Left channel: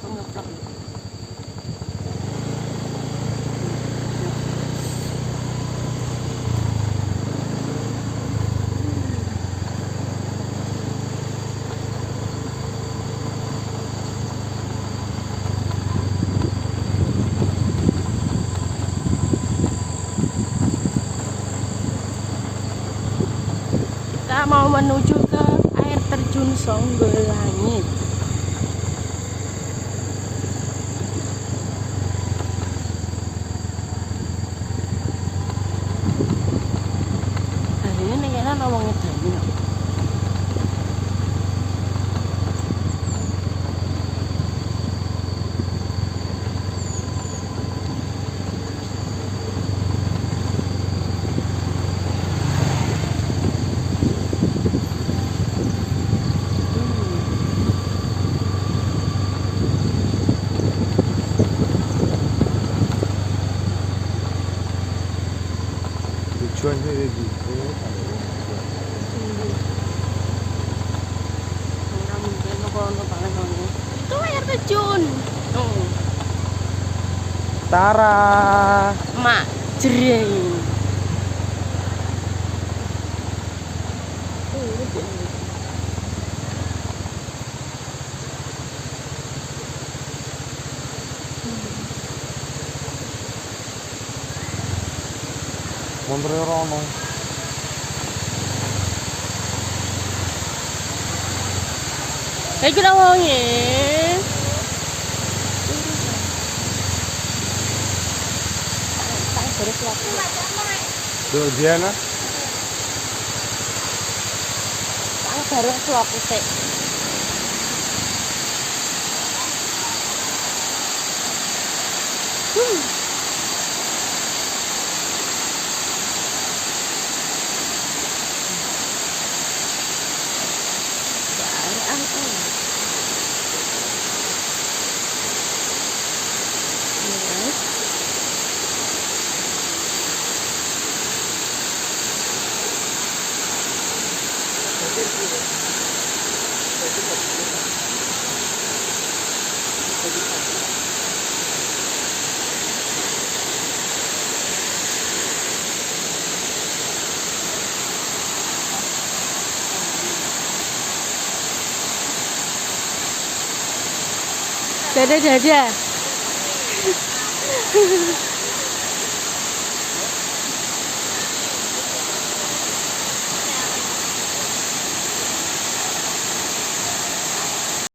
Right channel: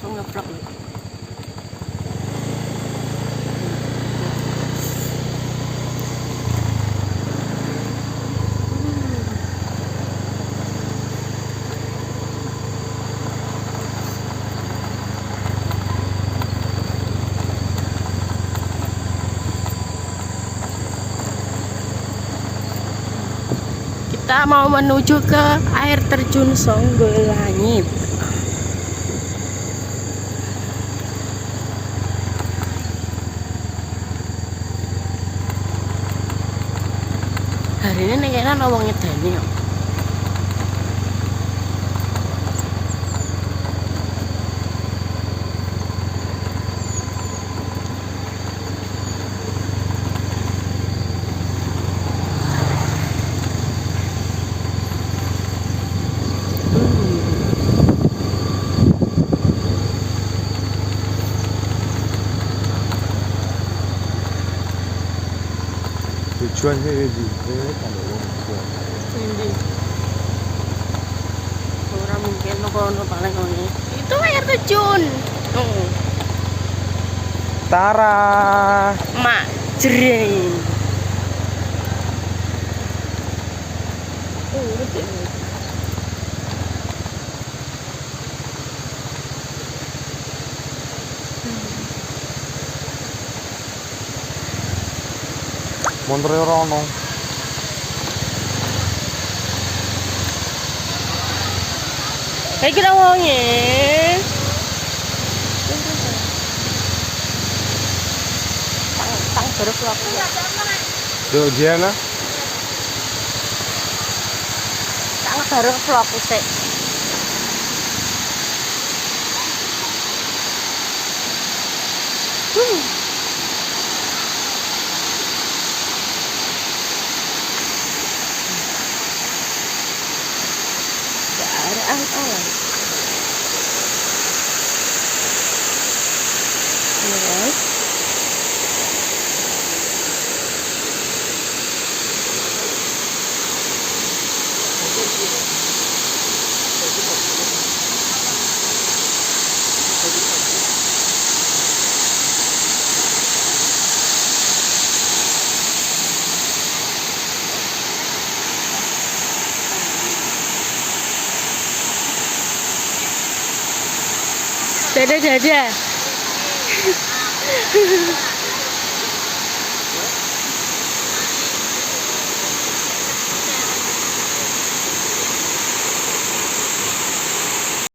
aku ngevlog nih. Kita mau menuju ke air terjun Songgolangit. Hari ini kayaknya nawang ngedani kok. Tujuannya di kalau Tinggi. Orang mungkin kono paling ngene. Itu air terjun. Oh, Tara. mak jreng. Oh, gede. Montre ora ono. Hai kita wonge. Tang baru vlog. Do Diana. Tang baru vlog sik. Keadaan alam. Yes. Dadah dadah.